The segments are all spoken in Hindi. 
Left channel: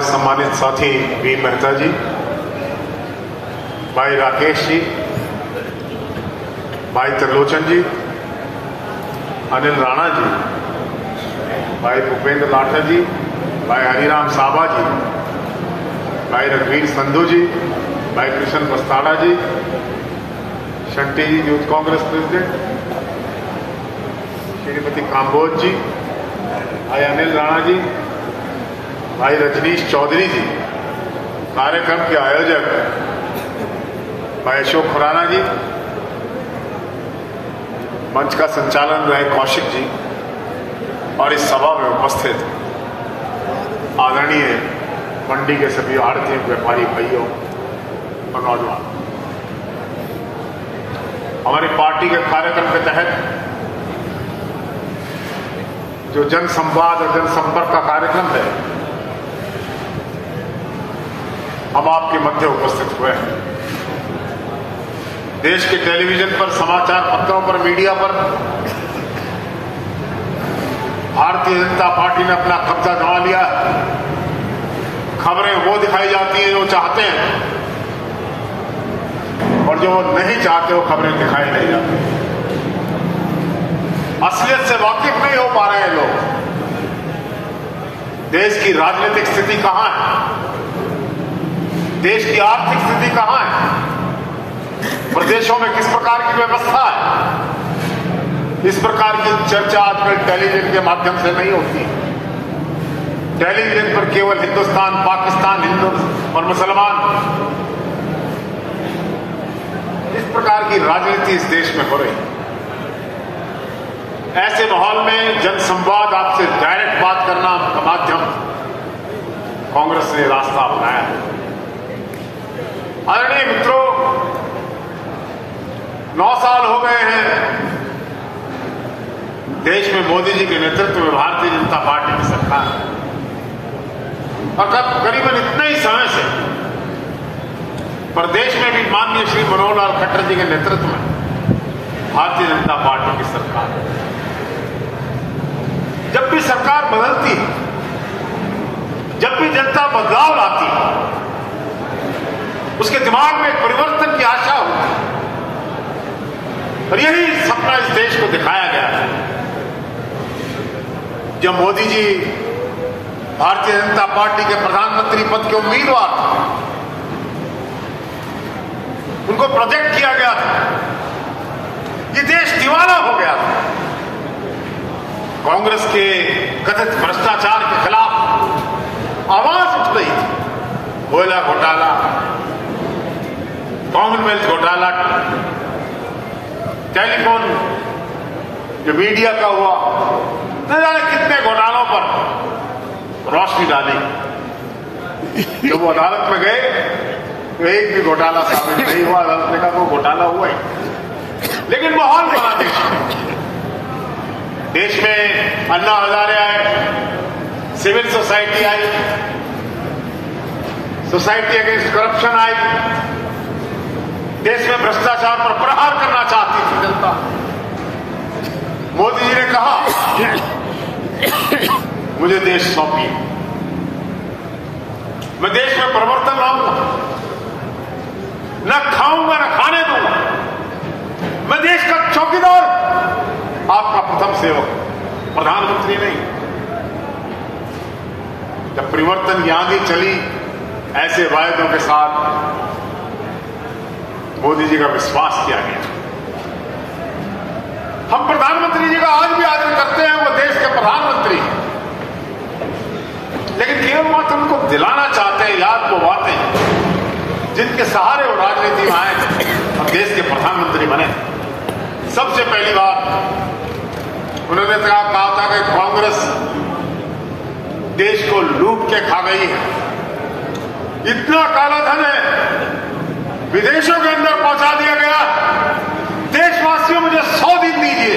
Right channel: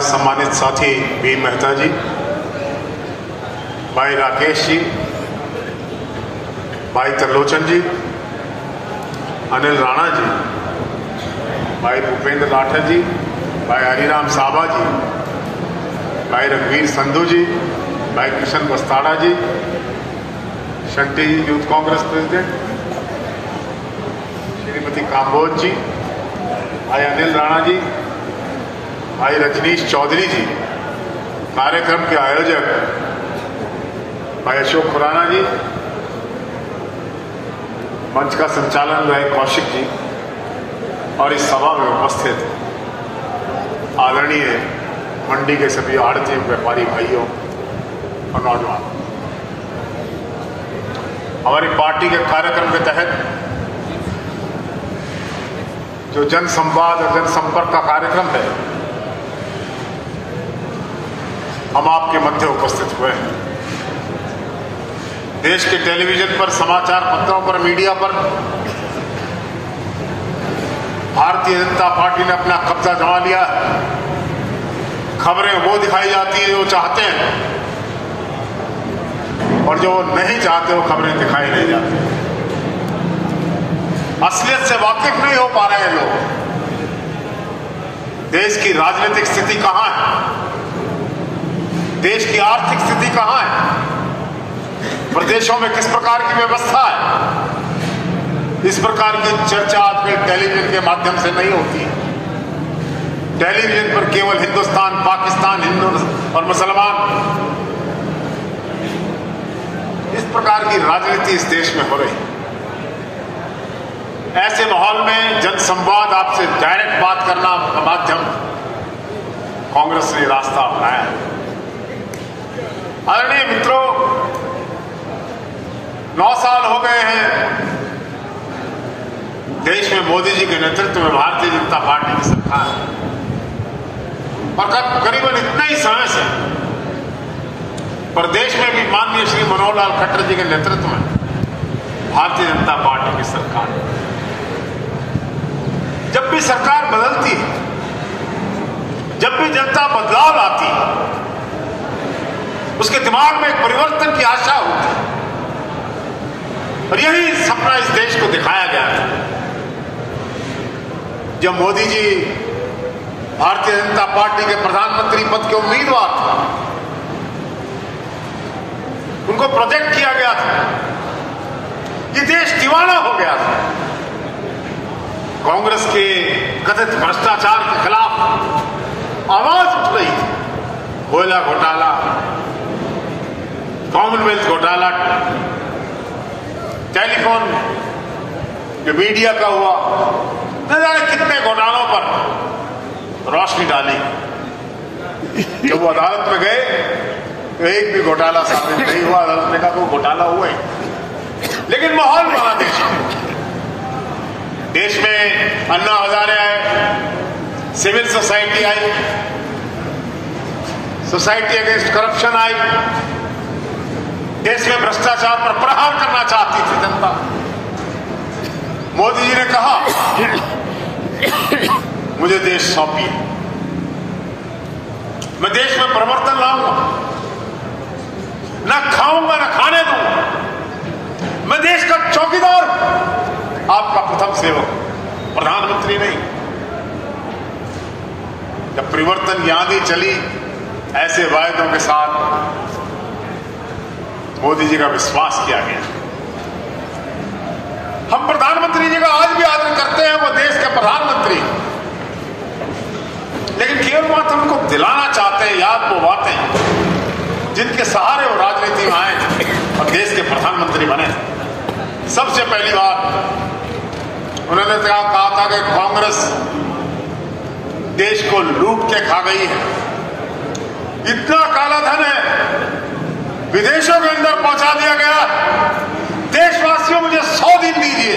हमारे सम्मानित साथी वी मेहता जी, भाई राकेश जी, भाई त्रिलोचन जी, अनिल राणा जी, भाई भूपेंद्र लाठर जी, भाई हरिराम साबा जी, भाई रघुवीर संधू जी, भाई कृष्ण बस्ताड़ा जी, शंटी जी यूथ कांग्रेस प्रेसिडेंट, श्रीमती काम्बोज जी, भाई अनिल राणा जी, भाई रजनीश चौधरी जी, कार्यक्रम के आयोजक भाई अशोक खुराना जी, मंच का संचालन भाई कौशिक जी और इस सभा में उपस्थित आदरणीय मंडी के सभी आड़ती व्यापारी भाइयों और नौजवान, हमारी पार्टी के कार्यक्रम के तहत जो जन संवाद और जनसंपर्क का कार्यक्रम है, हम आपके मध्य उपस्थित हुए हैं। देश के टेलीविजन पर, समाचार पत्रों पर, मीडिया पर भारतीय जनता पार्टी ने अपना कब्जा जमा लिया है। खबरें वो दिखाई जाती है जो चाहते हैं और जो नहीं चाहते वो खबरें दिखाई नहीं जाती। असलियत से वाकिफ नहीं हो पा रहे हैं लोग। देश की राजनीतिक स्थिति कहां है, देश की आर्थिक स्थिति कहां है, प्रदेशों में किस प्रकार की व्यवस्था है, इस प्रकार की चर्चा आजकल टेलीविजन के माध्यम से नहीं होती। टेलीविजन पर केवल हिंदुस्तान, पाकिस्तान, हिंदू और मुसलमान, इस प्रकार की राजनीति इस देश में हो रही। ऐसे माहौल में जनसंवाद, आपसे डायरेक्ट बात करना का माध्यम कांग्रेस ने रास्ता अपनाया है। आदरणीय मित्रों, 9 साल हो गए हैं देश में मोदी जी के नेतृत्व में भारतीय जनता पार्टी की सरकार है और करीबन इतना ही समय से प्रदेश में भी माननीय श्री मनोहर लाल खट्टर जी के नेतृत्व में भारतीय जनता पार्टी की सरकार है। जब भी सरकार बदलती है, जब भी जनता बदलाव आती है, उसके दिमाग में एक परिवर्तन की आशा होती है और यही सपना इस देश को दिखाया गया है। जब मोदी जी भारतीय जनता पार्टी के प्रधानमंत्री पद के उम्मीदवार थे, उनको प्रोजेक्ट किया गया था, ये देश दीवाना हो गया था। कांग्रेस के कथित भ्रष्टाचार के खिलाफ आवाज उठ रही थी। कोयला घोटाला, कॉमनवेल्थ घोटाला, टेलीफोन जो मीडिया का हुआ, न जाने कितने घोटालों पर रोशनी डाली। जब वो अदालत में गए तो एक भी घोटाला साबित नहीं हुआ। अदालत ने कहा वो घोटाला हुआ ही, लेकिन माहौल बना देश में अन्ना हजारे आए, सिविल सोसाइटी आई, सोसाइटी अगेंस्ट करप्शन आई, देश में भ्रष्टाचार पर प्रहार करना चाहती थी जनता। मोदी जी ने कहा मुझे देश सौंपिए, मैं देश में परिवर्तन लाऊंगा, न खाऊंगा न खाने दूंगा, मैं देश का चौकीदार, आपका प्रथम सेवक, प्रधानमंत्री नहीं। जब परिवर्तन की आंधी चली, ऐसे वायदों के साथ मोदी जी का विश्वास किया गया। हम प्रधानमंत्री जी का आज भी आदर करते हैं, वो देश के प्रधानमंत्री, लेकिन केवल मात्र उनको दिलाना चाहते हैं याद वो बातें जिनके सहारे वो राजनीति में आए और देश के प्रधानमंत्री बने। सबसे पहली बात उन्होंने कहा था कि कांग्रेस देश को लूट के खा गई है, इतना काला धन है विदेशों के अंदर पहुंचा दिया गया। देशवासियों मुझे 100 दिन दीजिए,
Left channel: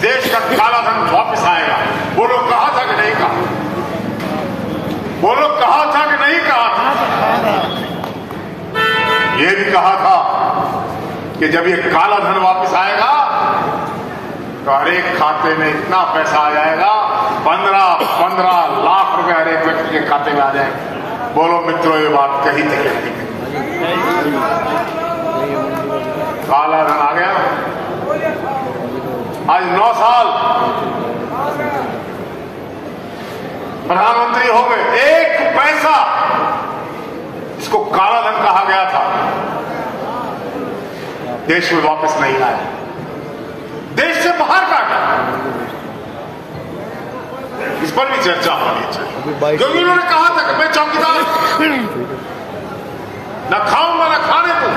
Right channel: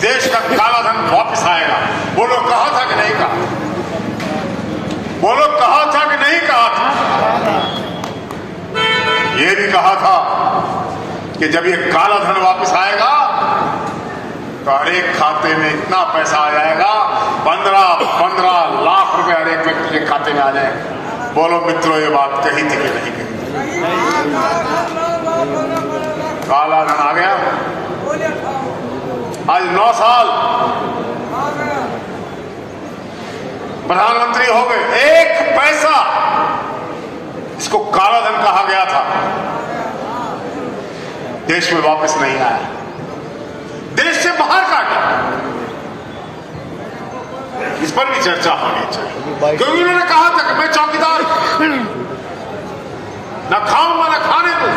देश का काला धन वापस आएगा। वो लोग कहा था कि नहीं कहा, वो लोग कहा था कि नहीं कहा था। ये भी कहा था कि जब ये काला धन वापस आएगा तो हर एक खाते में इतना पैसा आ जाएगा, 15 लाख रुपए हर एक व्यक्ति के खाते में आ जाएगा। बोलो मित्रों, ये बात कही थी कि नहीं कही? काला धन आ गया। आज 9 साल प्रधानमंत्री हो गए, एक पैसा इसको काला धन कहा गया था देश में वापस नहीं आया, देश से बाहर काटा। इस पर भी चर्चा होनी चाहिए, क्योंकि उन्होंने कहा था कि मैं चौकीदार न खाऊंगा न खाने को।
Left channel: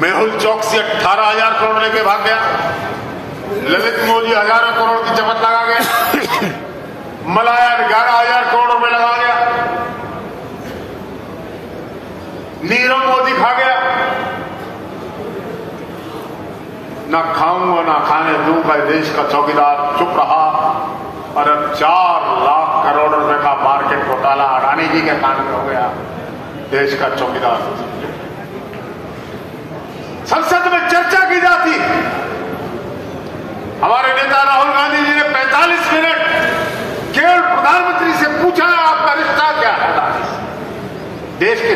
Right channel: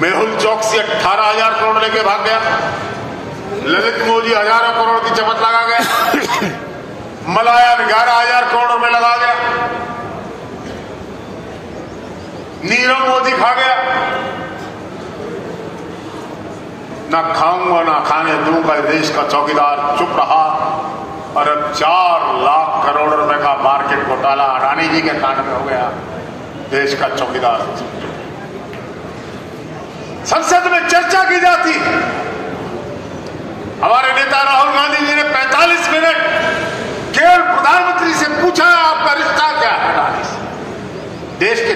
मेहुल चौकसी 18,000 करोड़ लेके भाग गया, ललित मोदी हजारों करोड़ की चमत लगा गया, मलायन 11,000 करोड़ रुपए लगा गया, नीरव मोदी खा गया। ना खाऊंगा ना खाने दूंगा, देश का चौकीदार चुप रहा और अब 4 लाख करोड़ रुपए का मार्केट घोटाला अडानी जी के कान में हो गया। देश का चौकीदार संसद में चर्चा की जाती। हमारे नेता राहुल गांधी जी ने 45 मिनट केवल प्रधानमंत्री से पूछा, आपका रिश्ता क्या है? देश के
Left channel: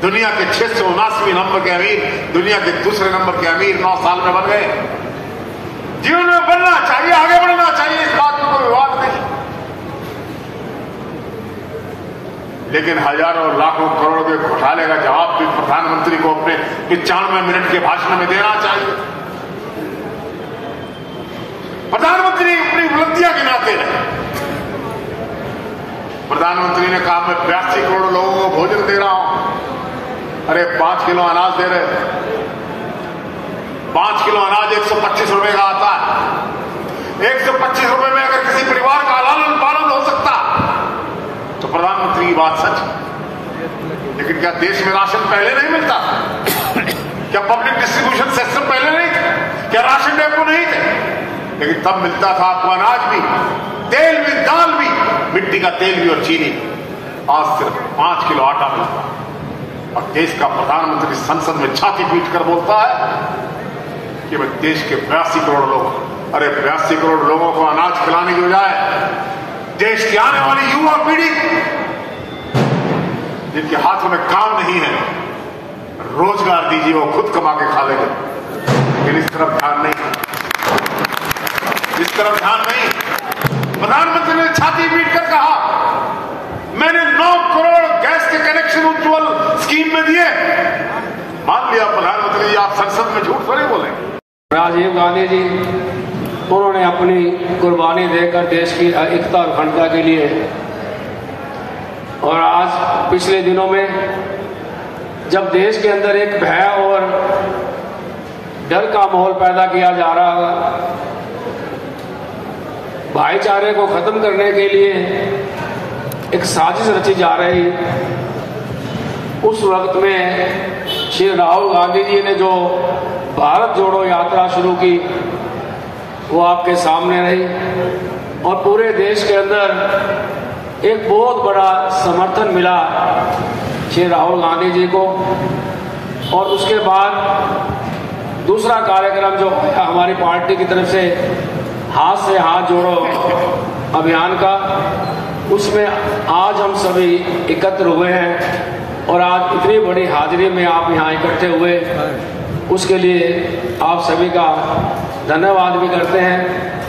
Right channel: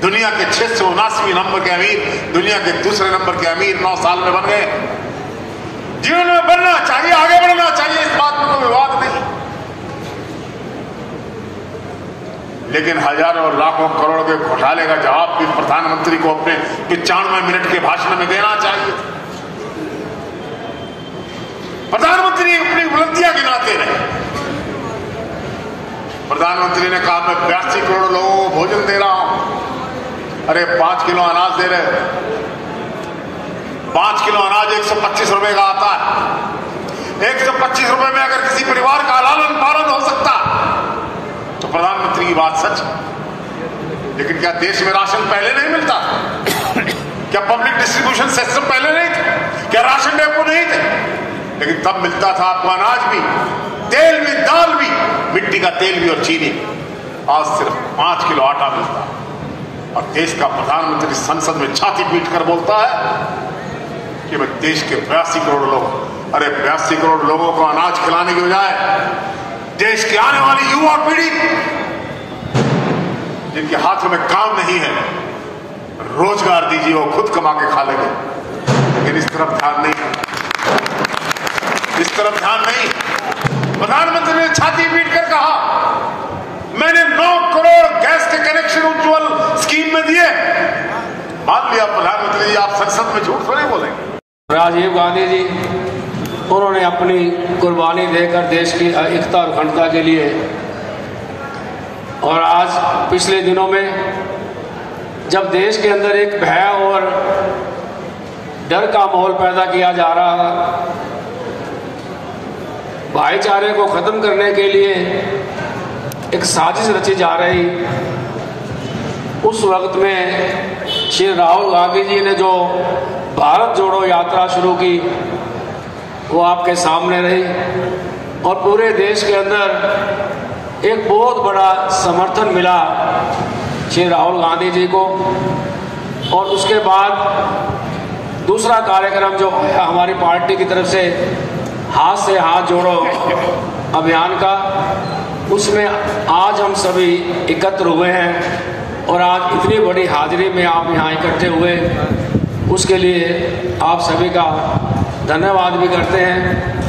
दुनिया के 679वें नंबर के अमीर, दुनिया के दूसरे नंबर के अमीर 9 साल में बन गए। जीवन में बनना चाहिए, आगे बढ़ना चाहिए, इस बात में कोई विवाद नहीं, लेकिन हजारों और लाखों करोड़ के घोटाले का जवाब भी प्रधानमंत्री को अपने 95 मिनट के भाषण में देना चाहिए। प्रधानमंत्री अपनी उपलब्धियां गिनाते रहे। प्रधानमंत्री ने कहा मैं 82 करोड़ लोगों को भोजन दे रहा हूं। अरे 5 किलो अनाज दे रहे, 5 किलो अनाज 125 रुपए का आता है। 125 रुपए में अगर किसी परिवार का लालन पालन हो सकता तो प्रधानमंत्री की बात सच है। लेकिन क्या देश में राशन पहले नहीं मिलता? क्या पब्लिक डिस्ट्रीब्यूशन सिस्टम पहले नहीं था? क्या राशन डेपो नहीं थे? लेकिन तब मिलता था आपको अनाज भी, तेल भी, दाल भी, मिट्टी का तेल भी और चीनी। आज सिर्फ 5 किलो आटा मिलता है और देश का प्रधानमंत्री संसद में छाती पीट कर बोलता है कि वह देश के 82 करोड़ लोग, अरे 82 करोड़ लोगों को अनाज खिलाने की बजाय देश की आने वाली युवा पीढ़ी जिनके हाथों में काम नहीं है, रोजगार दीजिए, वो खुद कमा के खा लेंगे। लेकिन इस तरफ ध्यान नहीं, इस तरफ ध्यान नहीं। प्रधानमंत्री ने छाती पीट कर कहा मैंने 9 करोड़ गैस के कनेक्शन उज्ज्वल स्कीम में दिए। मान लिया प्रधानमंत्री जी, आप संसद में झूठ थोड़े बोले। राजीव गांधी जी उन्होंने अपनी कुर्बानी देकर देश की एकता और अखंडता के लिए, और आज पिछले दिनों में जब देश के अंदर एक भय और डर का माहौल पैदा किया जा रहा है, भाईचारे को खत्म करने के लिए एक साजिश रची जा रही, उस वक्त में श्री राहुल गांधी जी ने जो भारत जोड़ो यात्रा शुरू की वो आपके सामने रही और पूरे देश के अंदर एक बहुत बड़ा समर्थन मिला श्री राहुल गांधी जी को। और उसके बाद दूसरा कार्यक्रम जो हमारी पार्टी की तरफ से हाथ जोड़ो अभियान का, उसमें आज हम सभी एकत्र हुए हैं और आज इतनी बड़ी हाजिरी में आप यहाँ इकट्ठे हुए, उसके लिए आप सभी का धन्यवाद भी करते हैं,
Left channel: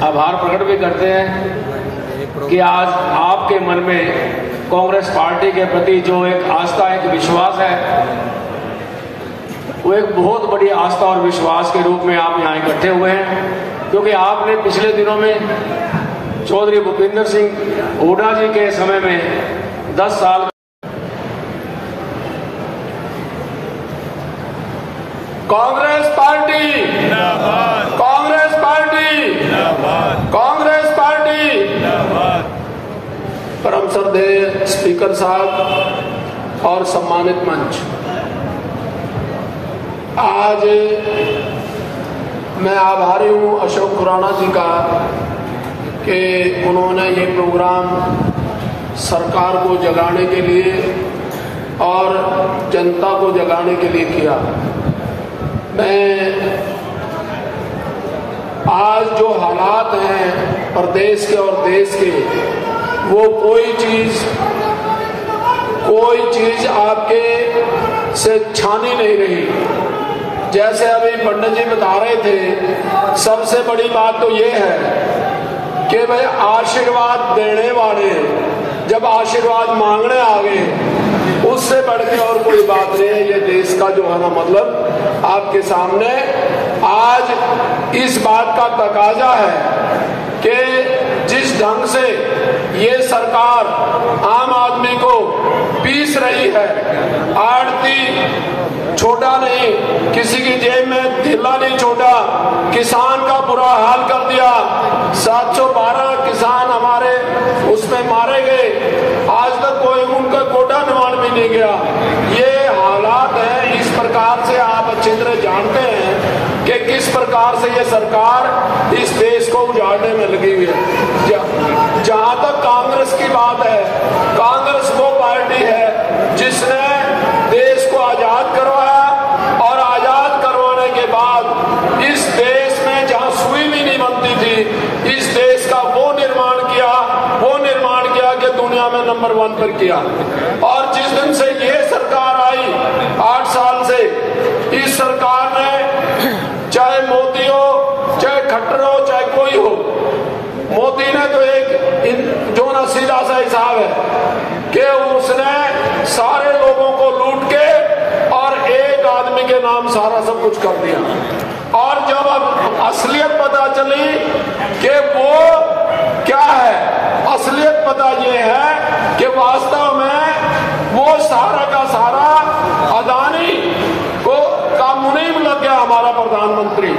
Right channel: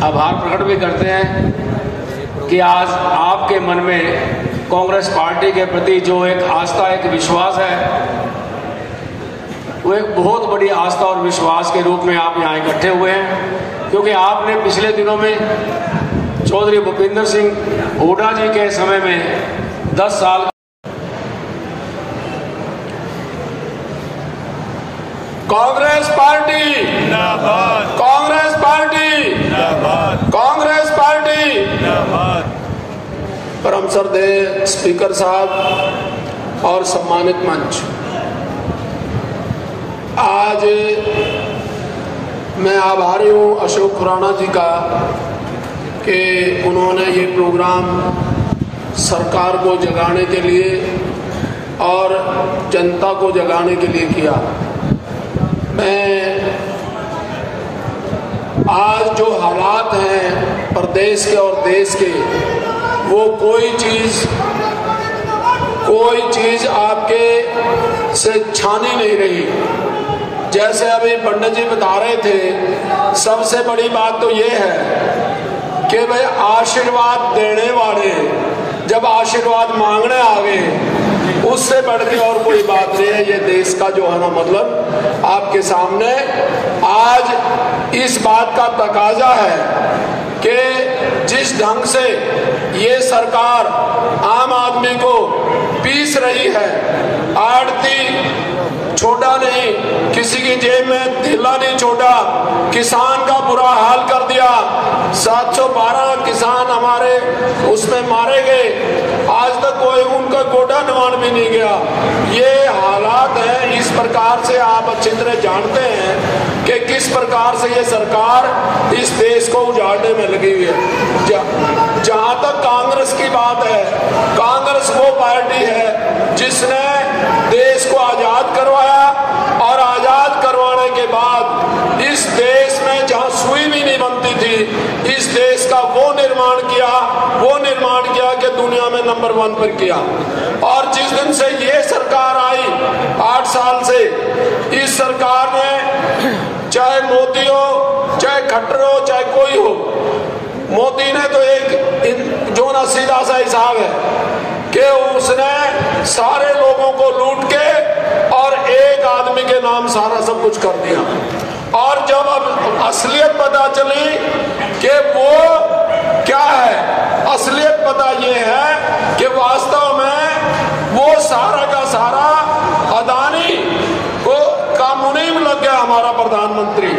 आभार प्रकट भी करते हैं कि आज आपके मन में कांग्रेस पार्टी के प्रति जो एक आस्था, एक विश्वास है, वो एक बहुत बड़ी आस्था और विश्वास के रूप में आप यहाँ इकट्ठे हुए हैं। क्योंकि आपने पिछले दिनों में चौधरी भूपेंद्र सिंह हुड्डा जी के समय में 10 साल कांग्रेस पार्टी जिंदाबाद, कांग्रेस पार्टी जिंदाबाद, कांग्रेस पार्टी जिंदाबाद। परम श्रद्धेय स्पीकर साहब और सम्मानित मंच, आज मैं आभारी हूं अशोक खुराना जी का कि उन्होंने ये प्रोग्राम सरकार को जगाने के लिए और जनता को जगाने के लिए किया। मैं प्रदेश के और देश के, वो कोई चीज आपके से छानी नहीं रही। जैसे अभी पंडित जी बता रहे थे, सबसे बड़ी बात तो ये है कि भाई आशीर्वाद देने वाले जब आशीर्वाद मांगने आ गए, उससे बढ़ के और कोई बात नहीं है। ये देश का जो है ना, मतलब आपके सामने आज इस बात का तकाजा है कि जिस ढंग से ये सरकार आम आदमी को पीस रही है, आड़ती छोटा नहीं, किसी की जेब में थैला नहीं छोटा, किसान का बुरा हाल कर दिया। 712 किसान हमारे उसमें मारे गए, आज तक कोई उनका कोटा निवारण भी नहीं गया। ये हालात है। इस प्रकार से आप अच्छी तरह जानते हैं कि किस प्रकार से ये सरकार इस देश को उजाड़ने में लगी हुई है। जहां तक कांग्रेस की बात है, कांग्रेस वो पार्टी है जिसने देश को आजाद करवाया और आजाद करवाने के बाद इस देश में जहां सुई भी नहीं बनती थी, इस देश का वो निर्माण किया कि दुनिया में नंबर 1 पर किया। और जिस दिन से ये सरकार आई 8 साल से, इस सरकार ने चाहे मोदी हो, चाहे खट्टर हो, चाहे कोई हो, मोदी ने तो एक जो ना सीधा सा हिसाब है कि उसने सारे लोगों को लूट के और एक आदमी के नाम सारा सब कुछ कर दिया। और जब अब असलियत पता चली कि वो क्या है, असलियत पता ये है कि वास्तव में वो सारा का सारा अदानी को का मुनीम लग गया हमारा प्रधानमंत्री।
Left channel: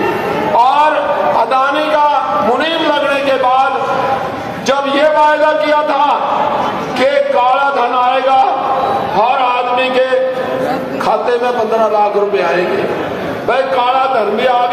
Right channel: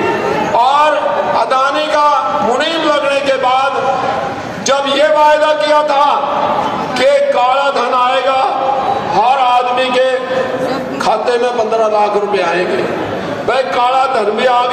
और अदानी का मुनीम लगने के बाद जब ये वायदा किया था कि काला धन आएगा, हर आदमी के खाते में 15 लाख रुपए आएंगे, भाई काला धन भी आ